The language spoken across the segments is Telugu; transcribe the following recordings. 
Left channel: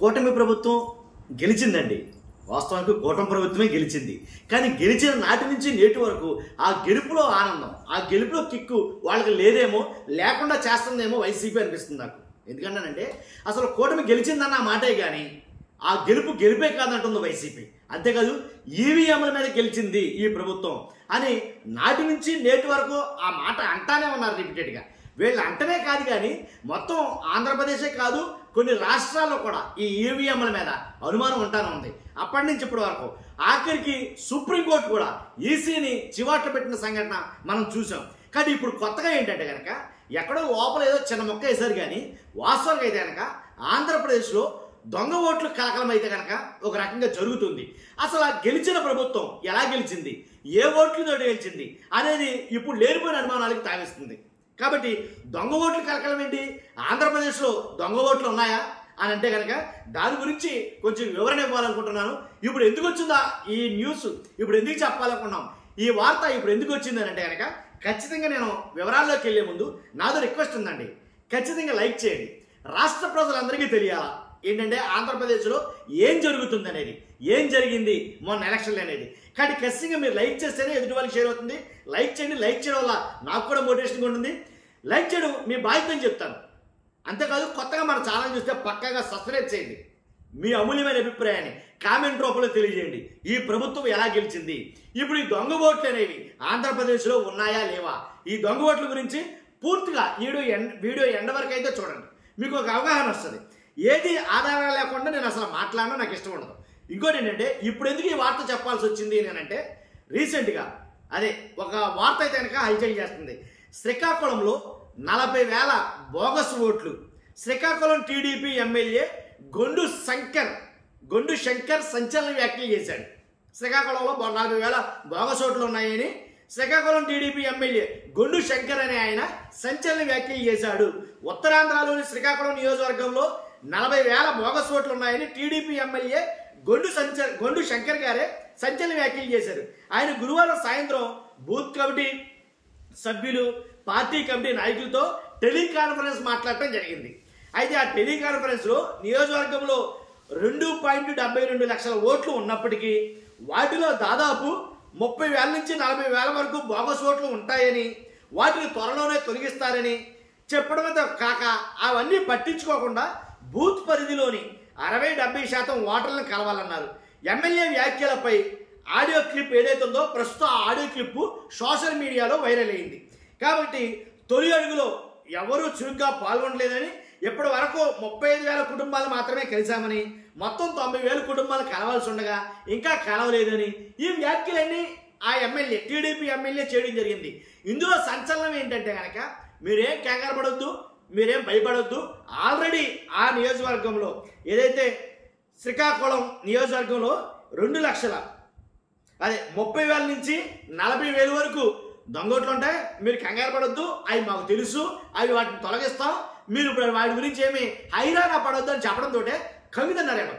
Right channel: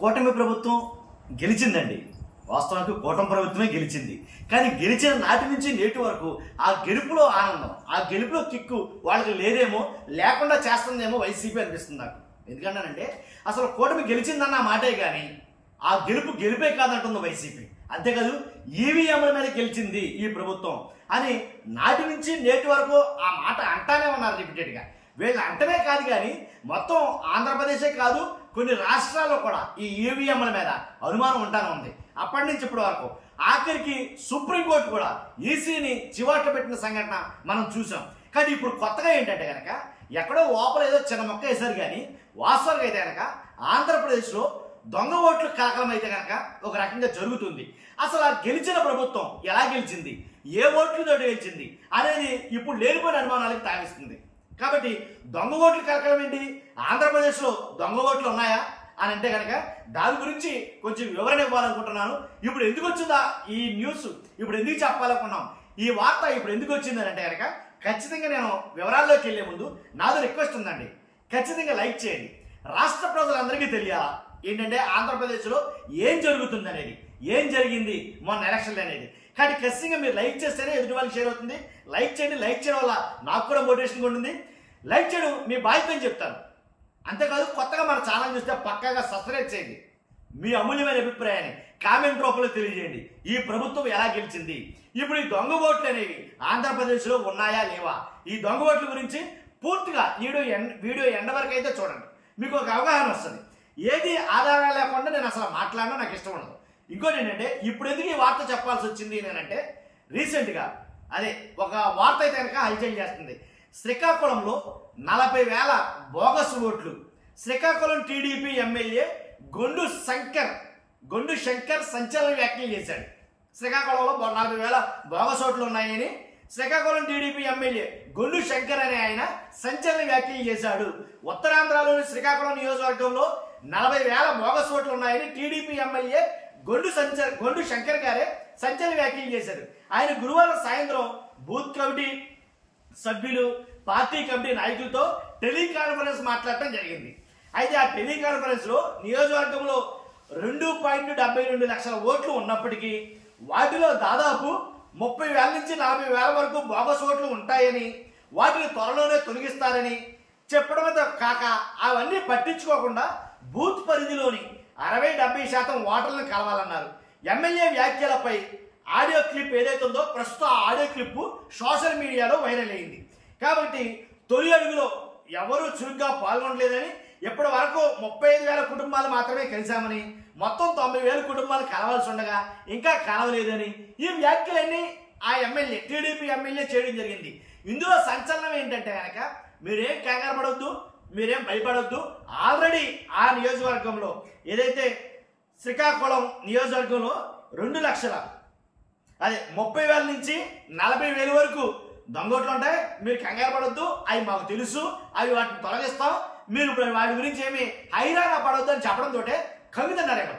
కూటమి ప్రభుత్వం గెలిచిందండి. వాస్తవానికి కూటమి ప్రభుత్వమే గెలిచింది. కానీ గెలిచిన నాటి నుంచి నేటి వరకు ఆ గెలుపులో ఆనందం, ఆ గెలుపులో కిక్కు వాళ్ళకి లేదేమో, లేకుండా చేస్తుందేమో వైసీపీ అనిపిస్తుంది నాకు. ఎందుకంటానంటే అసలు కూటమి గెలిచిందన్న మాటే కానీ ఆ గెలుపు గెలిపే కాదంటుంది వైసీపీ. అంతేకాదు ఈవీఎంల మీద గెలిచింది ఈ ప్రభుత్వం అని నాటి నుంచి నేటి వరకు ఆ మాట అంటానే ఉన్నారు రిపీటెడ్గా. వీళ్ళు అంటమే కాదు కానీ మొత్తం ఆంధ్రప్రదేశే కాదు కొన్ని రాష్ట్రాల్లో కూడా ఈ ఈవీఎంల మీద అనుమానం ఉంటానే ఉంది అప్పటి నుంచి ఇప్పటి వరకు. ఆఖరికి సుప్రీంకోర్టు కూడా ఈసీని చివాట్లు పెట్టిన సంఘటన మనం చూసాం. కానీ ఇప్పుడు కొత్తగా ఏంటంటే కనుక ఎక్కడో లోపల ఏదో చిన్న మొక్క వేశారు కానీ వాస్తవానికి అయితే కనుక ఆంధ్రప్రదేశ్లో దొంగ ఓట్లు కలకలం అయితే కనుక ఒక రకంగా జరుగుతుంది. అసలు ఆ గెలిచిన ప్రభుత్వం ఎలా గెలిచింది, ఏ ఓట్లతో గెలిచింది అనేది ఇప్పుడు లేనిపోయిన అనుమానాలకి తావిస్తుంది. కాబట్టి దొంగ ఓట్లు కలకలం ఏంటి, ఆంధ్రప్రదేశ్లో దొంగ ఓట్లు ఉన్నాయా అని అంటే కనుక దాని గురించి కొంచెం వివరణ ఇవ్వాలనుకుంటున్నాను. ఇప్పుడు ఎందుకు వచ్చిందా ఈ న్యూస్, ఇప్పుడు ఎందుకు చెప్పాలనుకున్నాం, ఈ వార్త ఇప్పుడు ఎందుకు వచ్చింది అని అంటే కనుక ఖచ్చితంగా నేను వివరాల్లోకి వెళ్ళే ముందు నాదో రిక్వెస్ట్ ఉందండి. ఖచ్చితంగా లైక్ చేయండి. రాష్ట్ర ప్రజలందరికీ తెలియాలా ఏంటంటే ఆంధ్రప్రదేశ్లో ఏం జరుగుతుంది అనేది, ఏం జరిగింది మొన్న ఎలక్షన్లు అనేది. కానీ ఖచ్చితంగా మీరు లైక్ చేస్తేనే ఎదుటి వాళ్ళకి షేర్ అవుతుంది. లైక్ చేయండి. లైక్ చేయడం వల్ల నాకు కూడా మోటివేషన్గా ఉంటుంది. లైక్ చేయడం మీ బాధ్యత అని చెప్తాను. అంతేకాదు కొత్తగా మన ఛానల్ చూస్తే పక్కాగా సబ్స్క్రైబ్ చేయండి. మీ అమూల్యమైన అభిప్రాయాన్ని కామెంట్ రూపంలో తెలియజేయండి. ఈ ప్రభుత్వం ఎలా గెలిచింది, ఇప్పుడు ఈ దొంగ ఓట్లు అనేవి ఆంధ్రప్రదేశ్లో ఉన్నాయా లేవా, ఈ దొంగ ఓట్ల గురించి పూర్తిగా వీడియో ఎండ వరకు అయితే చూడండి, మీకు ఒక అవగాహన వస్తుంది. ఏది ఆధారం లేకుండా నేను అసలు మాట్లాడినా నాకు ఇష్టం ఉండదు. ఇంకోటి ఏంటంటే ఇప్పుడు ఎందుకు ఈ వార్త చెప్పాల్సి వచ్చింది నేనంటే రీసెంట్గా అదే ఒక వార్త అయితే కనుక హల్చల్ చేస్తుంది. శ్రీకాకుళంలో 40,000 బోగస్ ఓట్లు. శ్రీకాకుళం టీడీపీ ఎమ్మెల్యే గొండు శంకర్ సంచలన వ్యాఖ్యలు చేశాడు. శ్రీకాకుళంలో 40,000 బోగస్ ఓట్లు ఉన్నాయని శ్రీకాకుళం టీడీపీ ఎమ్మెల్యే గొండు శంకర్ అనే ఆయన సంచలన వ్యాఖ్యలు చేశాడు. ఉత్తరాంధ్రలోని శ్రీకాకుళం నియోజకవర్గంలో 40,000 బోగస్ ఓట్లు ఉన్నాయని టీడీపీ ఎమ్మెల్యే గొండు శంకర్ గారే సంచలన వ్యాఖ్యలు చేశారు. ఆయన గురువారం సాయంత్రం బూత్ కమిటీ సభ్యులు, పార్టీ కమిటీ నాయకులతో టెలికాన్ఫరెన్స్ మాట్లాడటం జరిగింది. అయితే ఆ టెలికాన్ఫరెన్స్లో నియోజకవర్గంలో 2.72 లక్షల ఓట్లు ఉన్నప్పటికీ వాటిలో దాదాపు 30,000 నుంచి 40,000 వరకు బోగస్ ఓట్లు ఉంటాయని, వాటిని త్వరలోనే తొలగిస్తారని చెప్పడంతో కాక అవన్నీ పట్టించుకోకుండా బూత్ పరిధిలోని 60-70% ఓటర్లను కలవాలన్నారు. ఎమ్మెల్యే వ్యాఖ్యలపై ఆడియో క్లిప్ ఏదైతే ఉందో ప్రస్తుతం ఆ ఆడియో క్లిప్ సోషల్ మీడియాలో వైరల్ అయింది. కాబట్టి తొలి అడుగులో ఎవరూ చురుగ్గా పాల్గొనలేదని, ఇప్పటి వరకు 35,000 కుటుంబాలు మాత్రమే కలిశామని, మొత్తం 90,000 కుటుంబాలు కలవాల్సి ఉండగా ఇంకా కలవలేదని ఈ వ్యాఖ్యలన్నీ ఆ ఎమ్మెల్యే టీడీపీ ఎమ్మెల్యే చేయడం జరిగింది. ఇందులో సంచలనం ఏంటంటే కనుక మీరేం కంగారు పడొద్దు, మీరేం భయపడొద్దు. ఆల్రెడీ ఆ నియోజకవర్గంలో ఏదైతే శ్రీకాకుళం నియోజకవర్గంలో 2 లక్షల 30,000 నుంచి 40,000 వరకు దొంగోట్లు ఉంటాయి. మీరు కంగారు పడొద్దు, అవి మాకు తెలుసు, అవి వాటిని తొలగిస్తాం, మీరు ఇప్పుడు వాటి గురించి ఏమి హైరాణ పడొద్దు అని చెప్పడంతో కమిదన్నారేమో.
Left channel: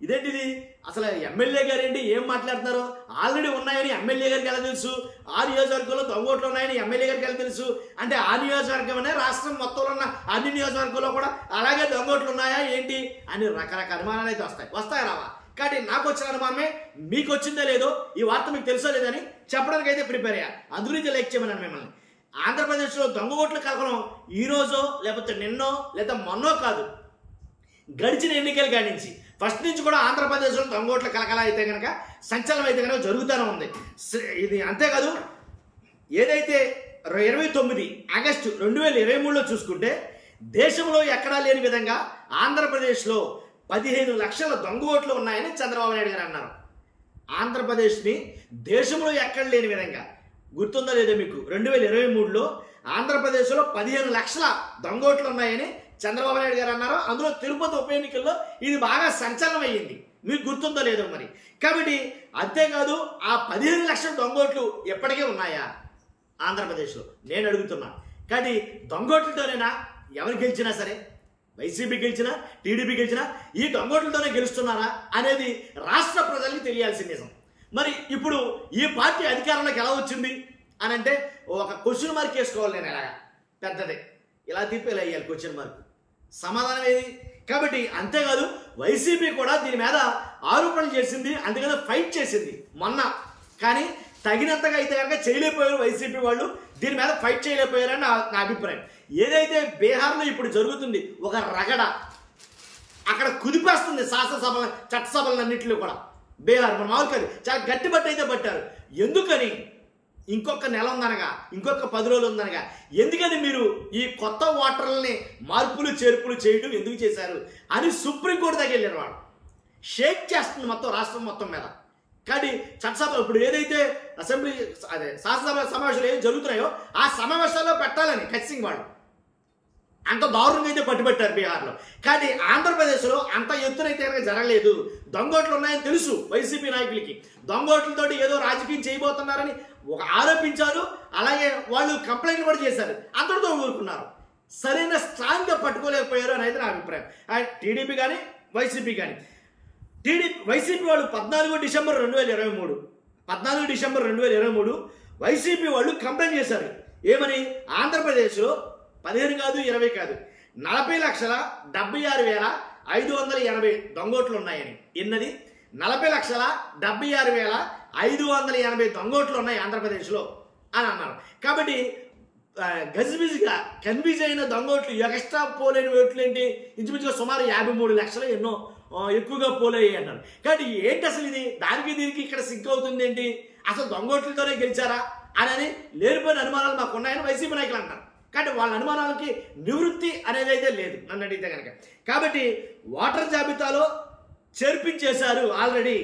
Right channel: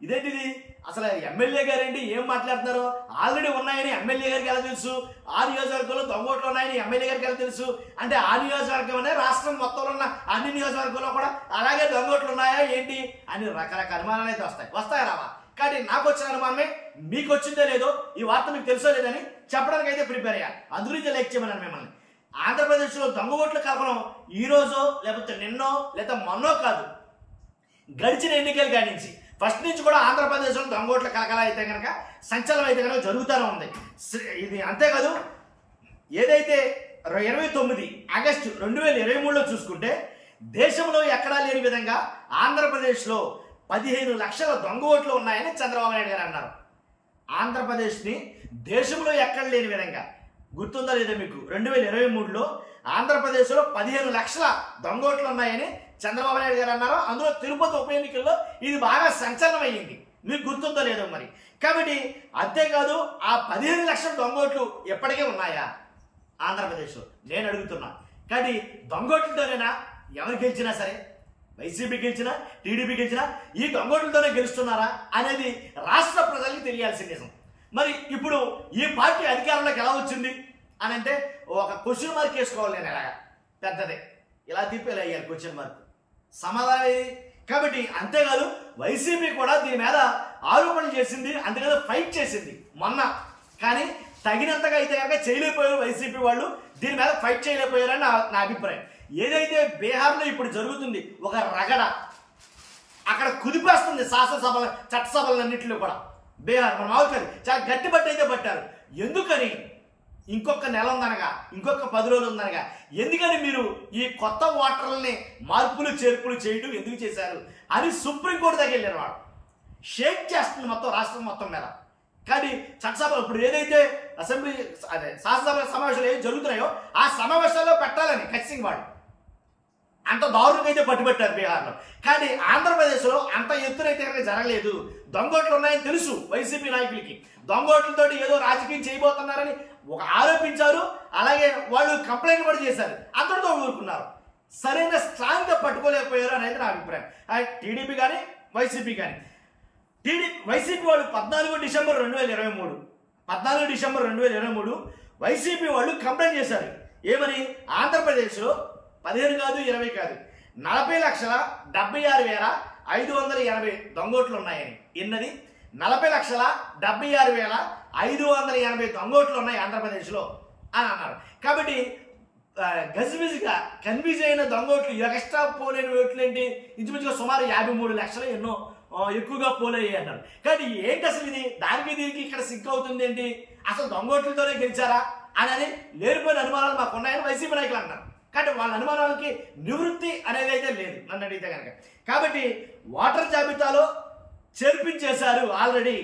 ఇదేంటిది అసలు ఎమ్మెల్యే గారు ఏంటి ఏం మాట్లాడుతున్నారు, ఆల్రెడీ ఉన్నాయని ఎమ్మెల్యే గారికి ఎలా తెలుసు, ఆ నియోజకవర్గంలో దొంగోట్లు ఉన్నాయని ఎమ్మెల్యే గారికి ఎలా తెలుసు అంటే ఆ నియోజకవర్గం అనే రాష్ట్రం మొత్తంలో ఉన్న అన్ని నియోజకవర్గంలో కూడా అలాగే దొంగోట్లు ఉన్నాయా ఏంటి అని రకరకాల అనుమానాలు అయితే వస్తాయి రావా. కాబట్టి నాకు వచ్చిన అనుమానమే మీకు వచ్చిందో లేదో, ఈ వార్త మీకు తెలుసో లేదని చెప్పడానికి అయితే ప్రిపేర్ అయ్యా. అందుగురించి లైక్ చేయమన్నాను మిమ్మల్ని. ఆంధ్రప్రదేశ్లో దొంగ ఓట్లు కలకలం ఈరోజో లేకపోతే నిన్నో లేదా మొన్నో కాదు, గడిచిన ఎన్నికలు కానించి ఫస్ట్ నుంచి కూడా ఆంధ్రప్రదేశ్లో దొంగ ఓట్ల కలకల అయితే కనుక సంచలనం అయితే కనుక జరుగుతూనే ఉంది. ఇది అంతేకాదు ఏదైతే 29 ఆగస్టు 2023లో చూసుకుంటే దేశంలో ఎక్కడా లేని విధంగా ఆంధ్రప్రదేశ్లో 15 లక్షల దొంగ ఓట్లు ఉన్నాయని చంద్రబాబు నాయుడు గారు అన్నారు. ఆంధ్రప్రదేశ్ని దేశంలో ఎక్కడ లేని విధంగా గుర్తుందా లేదా మీకు, 2023లో ఆంధ్రప్రదేశ్లో 15 లక్షల దొంగ ఓట్లు ఉన్నాయని చంద్రబాబు నాయుడు గారు అన్నారు. అందులో తిరుపతి ఉప ఎన్నికల్లో ఇది బాగా సంచలనం అయ్యింది, మీకు గుర్తుందో లేదో మరి. కాబట్టి అంతేకాదు ఆ 15 లక్షల దొంగ ఓట్లు ఎప్పటికే ఉన్నాయా ఆంధ్రప్రదేశ్లో నేను అడుగుతున్నా. కానీ దొంగ ఓట్లతోనేనా ఎవరు గెలిచినా సరే, వైసీపీ గెలిచినా టీడీపీ గెలిచినా ఈ దొంగోట్లతోనే గెలుస్తున్నారా అనేది రాష్ట్ర ప్రజలకి తెలియాల్సిన నిజం. మరి ఇప్పుడు ఈ పార్టీ అధికారంలోకి ఎలా వచ్చింది అని అంటే ఒక క్వశ్చన్ మార్క్ వేసుకోవాలి. నేను ఎలాగా పెద్దదే ఇలా తిప్పేలా వేయాలి క్వశ్చన్ మార్క్. సమాధానం ఏది? కాబట్టి అంతేకాదు వైసీపీ కూడా దీని మీద ఆరోపణలు చేసింది, అంతేకాదు ఫైట్ చేసింది మొన్న. కానీ తగినంతగా అయితే కనుక చేయలేకపోయారు వైసీపీ వాళ్ళు, దీని మీద ఫైట్ చేయలేకపోయారని నా అభిప్రాయం. ఏదైతే బీహార్లో ఇప్పుడు జరుగుతుంది ఒక రగడ, అక్కడ కుదిపేస్తుంది శాసనసభల చట్టసభలన్నింటిలో కూడా. బీహార్ మన మామూలు కాదు, చాలా గట్టి బట్టి అయితే పట్టారు. ఎందుకని? ఇంకొక నెల ఉందనగా, ఇంకొక 10 రోజులు ఉందనగా, ఎందుకని మీరు ఈ కొత్త ఓటర్లని మార్పులు చేర్పులు చేయడం ఎందుకు చేశారు అని సుప్రీంకోర్టు దగ్గర వెళ్ళారు. వాళ్ళు షేక్ చేస్తుంది మొత్తం రాష్ట్రం మొత్తం మీద. కానీ చట్టసభ ఇప్పుడు ఏదైతే అసెంబ్లీ అదే శాసనసభ సమావేశాలు ఏవి జరుగుతున్నాయో ఆ సమావేశాల్లో పెట్టాలని ఖచ్చితంగా వాళ్ళు అంత దారుణంగా అయితే పట్టుబట్టారు బీహార్లో. కానీ ఆంధ్రప్రదేశ్లో అంత ఎత్తునైతే కనుక జరగలేదు. దొంగోట్లు ఉన్నాయని తెలుసు వైసీపీ నాయకులకి. దొంగోట్లతోటి ఏదో రాజకీయం చేయబోతున్నారని ఆరోపించారు. అలాగే వాళ్ళు కంప్లైంట్లు కూడా చేశారు. అందరితో ఊరుకున్నారు. సరైన స్ట్రాంగ్గా పట్టుకోలేకపోయారు అనేది నా అభిప్రాయం. టీడీపీ కానీ వైసీపీ కానీ. వైసీపీ వాళ్ళు 14 డిసెంబర్ 2023 వైసీపీ వాళ్ళు కంప్లైంట్ చేశారు. ఏమని? ఆంధ్రప్రదేశ్లో 15 కాదు 20 కాదు 40,76,580 దొంగోట్లు ఉన్నాయని. ఎన్నది? 40,76,580 దొంగోట్లు ఉన్నాయి ఆంధ్రప్రదేశ్లో అని అన్నారు. కాబట్టి గజిబిజిగా కన్ఫ్యూజ్ అయిన దొంగోట్లు, ఎక్స్ట్రా పోలేని ఓట్లు ఏంటి, ఇంచుమించుగా సుమారు 53 లక్షలు ఎన్నో ఎక్కువగా పోలయ్యాయి అన్నారు. కాబట్టి ఏంటి అసలు ఇది? దానికి దీనికి ఇక్కడ సింక్ అవుతుంది ఏంటి? అసలు దొంగోట్లతోనే గెలిచారా అని లేనిపోయిన అనుమానాలు మాకు ఉన్నాయని వైసీపీ నాయకులు అంటారు. కాబట్టి వాళ్ళ అనుమానాలకి నివృత్తి అనేది అయితే లేదు నన్ను అడిగితే కనుక. కాబట్టి ఓటర్ జాబితాలో చేర్పించేశారు ఆల్రెడీ.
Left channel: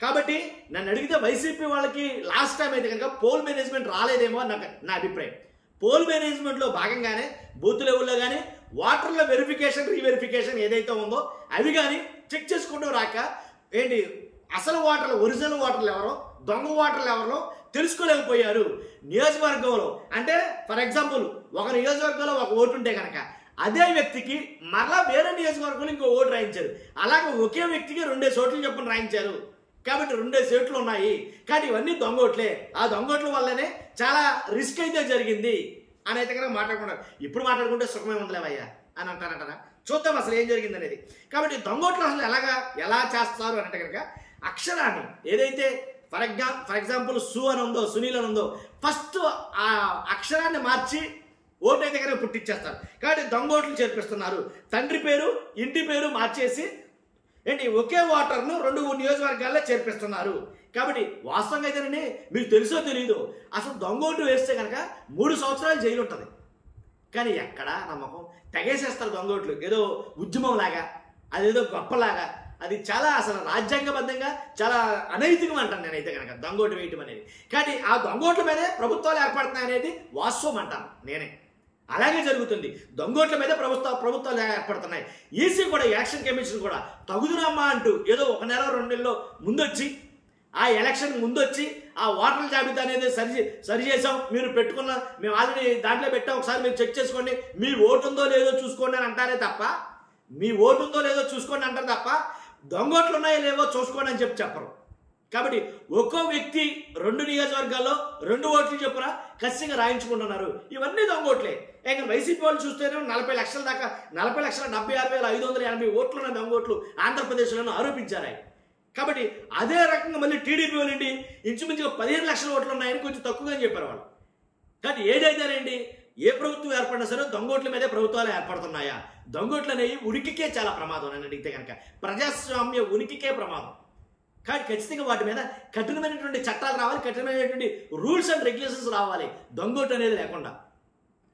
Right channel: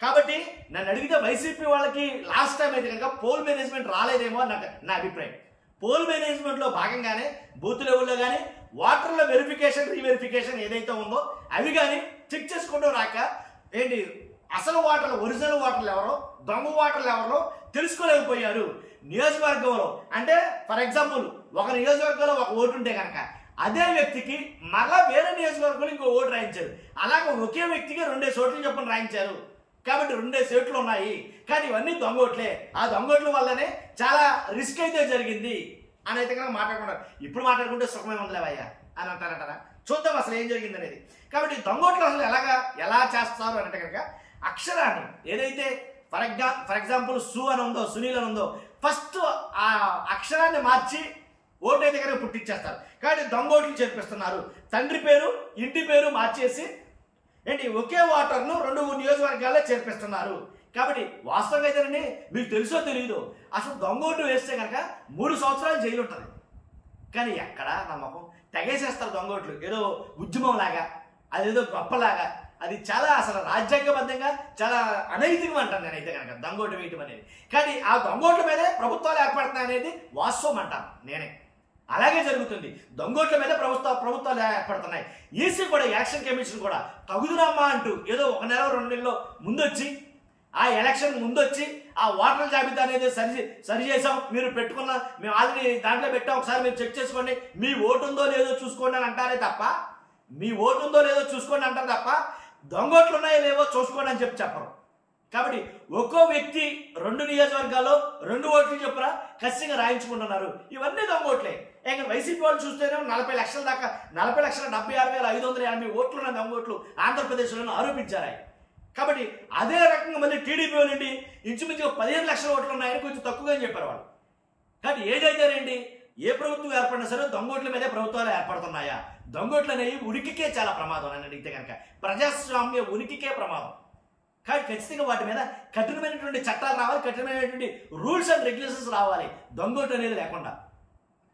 కాబట్టి నన్ను అడిగితే వైసీపీ వాళ్ళకి లాస్ట్ టైం అయితే కనుక పోల్ మేనేజ్మెంట్ రాలేదేమో అని నా అభిప్రాయం. పోల్ మేనేజ్మెంట్లో భాగంగానే బూత్ లెవెల్లో కానీ ఓటర్ల వెరిఫికేషన్ రీవెరిఫికేషన్ ఏదైతే ఉందో అవి కానీ చెక్ చేసుకోవడం రాక ఏంటి అసలు ఓటర్లు, ఒరిజినల్ ఓటర్లు ఎవరో, దొంగ ఓటర్లు ఎవరో తెలుసుకోలేకపోయారు. నియోజకవర్గంలో అంటే ఫర్ ఎగ్జాంపుల్ ఒక నియోజకవర్గంలో ఒక ఓటు ఉంటే కనుక అదే వ్యక్తికి మరలా వేరే నియోజకవర్గంలో ఇంకో ఓటు రాయించారు. అలాగే ఒకే వ్యక్తికి 2 ఓట్లు చొప్పున రాయించారు. కాబట్టి 2 ఓట్లు ఉన్నాయి. కానీ ఇవన్నీ దొంగోట్లే. ఆ దొంగోట్ల వల్లనే చాలా రిస్క్ అయితే జరిగింది అని అయితే కనుక మాట్లాడుకుంటారు. ఇప్పుడు మాట్లాడుకుంటే సుఖమే ఉందిలేవయ్యా అని అంటారంటారా? చూద్దాం అసలు ఏం జరిగింది అనేది. కాబట్టి దొంగోట్లు అసలు ఎలా చేస్తారు అని అంటే కనుక అక్షరాన్ని ఏదైతే ఫర్ ఎగ్జాంపుల్ సు అని ఉందో, సునీల్ అని ఉందో, ఫస్ట్ ఆ అక్షరాన్ని మార్చి ఓటు అయితే కనుక పుట్టించేస్తారు. కాబట్టి దొంగోట్లు చేర్పిస్తున్నారు. తండ్రి పేరు ఇంటి పేరు మార్చేసి ఏంటి ఒకే ఓటర్ను 2 నియోజకవర్గాల్లో చేర్పిస్తున్నారు. కాబట్టి వాస్తవంగా అయితేనండి మీకు తెలుసో తెలియదు, అసలు దొంగోటు వేస్తే కనుక 3 సంవత్సరాలు జైలు ఉంటుంది. కానీ ఎక్కడ నమ్మకం తెగేసేస్తారు దొంగోట్లు. ఏదో ఉద్యమం లాగా, అదేదో గొప్పలాగా. అది చాలా అసలు రాజ్యాంగబద్ధంగా చాలా అనైతికం అంటాను నేనైతే కనుక దొంగోటు వేయటం అనేది. కానీ ఆ దొంగోట్ల మీదే ప్రభుత్వాలు ఏర్పడుతున్నాయి అనేది వాస్తవం అంటాను నేనే. అలాగే జరుగుతుంది. దొంగోట్ల మీద ప్రభుత్వాలు ఏర్పడుతున్నాయి. ఈసీ కూడా, ఎలక్షన్ కమిషన్ కూడా తగుదునమ్మా అంటూ ఏదో 1 నెల 2 నెలల్లో ముందొచ్చి ఆ ఎలక్షన్ ముందొచ్చి ఆ ఓటర్ల జాబితా అనేది సరి చేసాం, మీరు పెట్టుకున్న మేము ఆల్రెడీ దాంట్లో పెట్టాం, ఒకసారి మీరు చెక్ చేసుకోండి, మీ ఓటు ఉందో లేదో చూసుకోండి అని అంటారే తప్ప, దొంగోట్లు ఉన్నాయో లేవో చూసుకోండి అని చెప్పరు. కాబట్టి ఒక్కో వ్యక్తి 2 నియోజకవర్గాల్లో 2 ఓట్లు చెప్పురా ఖచ్చితంగా రాయించుకుంటున్నారు. ఇవన్నీ దొంగోట్లే. ఇంకా వైసీపీ వాళ్ళు చూస్తేనే 40 లక్షల దాకా 40,76,580 ఓట్లున్న దొంగోట్లు ఆంధ్రప్రదేశ్లోనూ ఆరోపించారు. కాబట్టి అదే రకంగా మళ్ళీ టీడీపీ వాళ్ళండి ఇంచుమించుగా 15 లక్షల ఓట్లు ఉన్నాయని కొంచెం తక్కువగా చెప్పారు వాళ్ళు. కాబట్టి ఏదైతేనండి ఏ ప్రభుత్వం ఏర్పడినా సరే దొంగోట్ల మీదే ప్రభుత్వాలు ఏర్పడుతున్నాయా? దొంగోట్లు అనేవి ఉనికికే చాలా ప్రమాదం అని అడిగితే కనుక, ప్రజాస్వామ్య ఉనికికే ప్రమాదం. కాబట్టి ఖచ్చితంగా వాటి మీద కఠినమైనటువంటి చట్టాలు రావాలి, కఠినమైనటువంటి రూల్స్ అండ్ రెగ్యులేషన్స్ రావాలి దొంగోటు అనేది లేకుండా.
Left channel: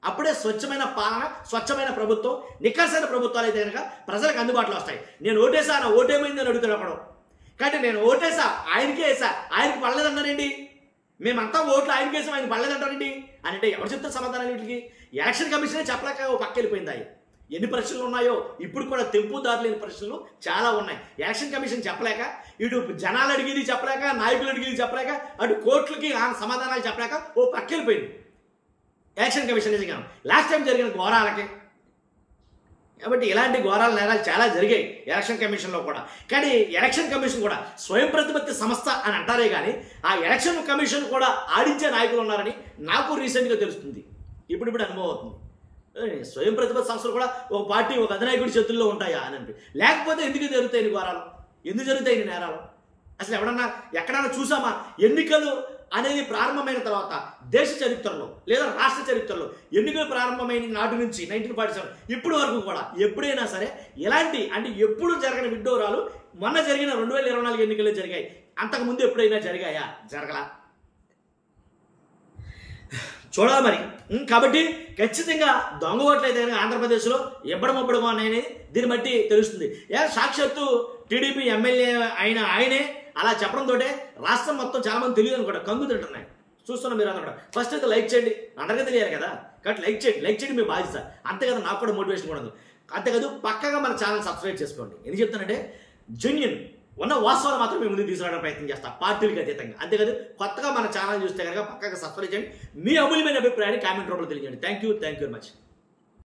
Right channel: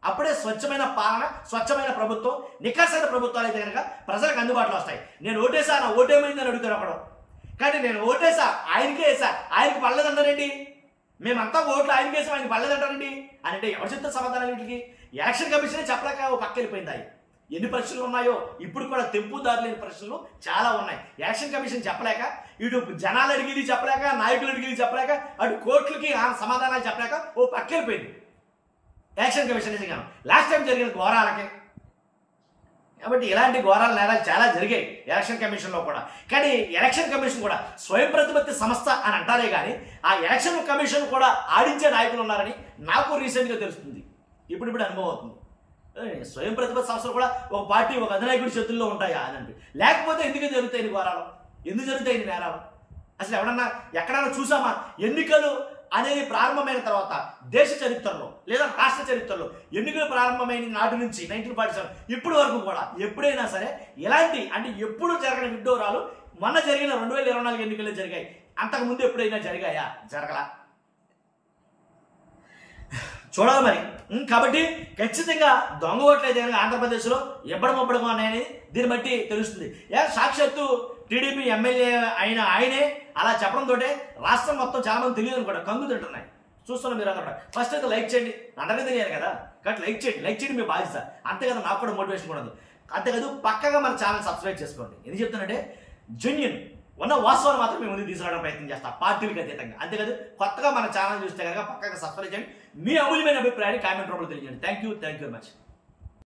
అప్పుడే స్వచ్ఛమైన పాలన, స్వచ్ఛమైన ప్రభుత్వం, నిఖార్సైన ప్రభుత్వాలు అయితే కనుక ప్రజలకు అందుబాటులో వస్తాయి. నేను ఓటేసా, నా ఓటేమైంది అని అడుగుతాడు అప్పుడు. కాబట్టి నేను ఓటేసా, ఆయనకే వేసా, ఆయనకి పడలేదన్నారండి, మేమంతా ఓట్లు ఆయనకి వేసాం, ఆయన పడలేదంటారండి అని అంటే ఎవరు చెప్తారు సమాధానాలు వీటికి? ఎలక్షన్ కమిషనే చెప్పలేక ఓ పక్క వెళ్ళిపోయింది. ఎన్ని ప్రశ్నలు ఉన్నాయో ఇప్పుడు కూడా తెంపుదారు లేని ప్రశ్నలు చాలా ఉన్నాయి. ఎలక్షన్ కమిషన్ చెప్పలేక, ఇటు జనాలు అడిగేది చెప్పలేక, నాయకులు అడిగేది చెప్పలేక, అటు కోర్టులకి సమాధానాలు చెప్పలేక ఓ పక్క వెళ్ళిపోయింది ఎలక్షన్ కమిషన్. నిజంగా లాస్ట్ టైం జరిగిన ఘోరాలకే. కాబట్టి ఇలాంటి ఘోరాల నేరాలు చాలా జరిగాయి ఎలక్షన్ కమిషన్లో కూడా. కానీ ఎలక్షన్ కమిషన్ కూడా స్వయం ప్రతిపత్తి సంస్థ అని అంటారే కానీ ఆ ఎలక్షన్ కమిషన్ కూడా ఆడించే నాయకులు ఉన్నారని నాకు రీసెంట్గా తెలుస్తుంది. ఇప్పుడు అనుభవం అవుతుంది. స్వయం ప్రతిపత్తి సంస్థలు కూడా ఒక పార్టీ ఒక అధినాయకుడి చేతుల్లో ఉంటాయా అని లేకపోతే ఎందుకు జరుగుతాయి ఇన్ని ఘోరాలు, ఎందుకు జరుగుతాయి ఇన్ని నేరాలు? అసలు ఎక్కడన్నా చూసామా? ఎన్నికలు అనేది ప్రారంభమైన తర్వాత దేశ చరిత్రలో లేదా రాష్ట్ర చరిత్రలో ఎన్నికలు ప్రారంభమైన నాటి నుంచి 1947 ఇప్పటి వరకు కూడా ఎప్పుడైనా సరే ఇలాంటి అంటే ఎప్పుడు జరగని విడ్డూరాలు మొన్న జరిగిన 2024 ఎన్నికల్లో జరిగాయి. అంతకుముందు ఎప్పుడైనా జరిగాయా? జరగలా. చూడాలి మరి. కాబట్టి ఖచ్చితంగా దొంగ ఓట్లు అయితే కనుక ఆంధ్రప్రదేశ్లో ఎబ్బడమొబ్బడమో ఉన్నాయని దీన్ని బట్టి తెలుస్తుంది. సాక్షాత్తు టీడీపీ ఎమ్మెల్యే అయిన ఆయనే అలా చెప్పడంతో రాష్ట్రం మొత్తం చాలామంది తెలియదు అనుకోండి, కంగు తింటున్నాయి. చూస్తున్నాం మీరు అందరూ. ఫస్ట్ అయితే లైక్ చేయండి, అందరికీ తెలియాలి కదా, కాబట్టి లైక్ చేయండి మీ బాధ్యత. అంతే కదా, నాకు కూడా మోటివేషన్ కూడా ఉంది. అంతేకాదు పక్కగా మన ఛానల్ సబ్స్క్రైబ్ చేసుకోండి. ఎందుకు చెప్తానంటే జెన్యూన్ ఉన్న వాస్తవాలు మాత్రం మేము ముందుకు తీసుకురావడం ప్రయత్నం చేస్తాం, పార్టీలకు అతీతంగా. అంతేకాదు కొత్తగా మన ఛానల్ చూస్తే కనుక పక్కగా సబ్స్క్రైబ్ చేయండి. మీ అమూల్యమైన అభిప్రాయాన్ని కామెంట్ రూపంలో తెలియజేయండి. Thank you very much.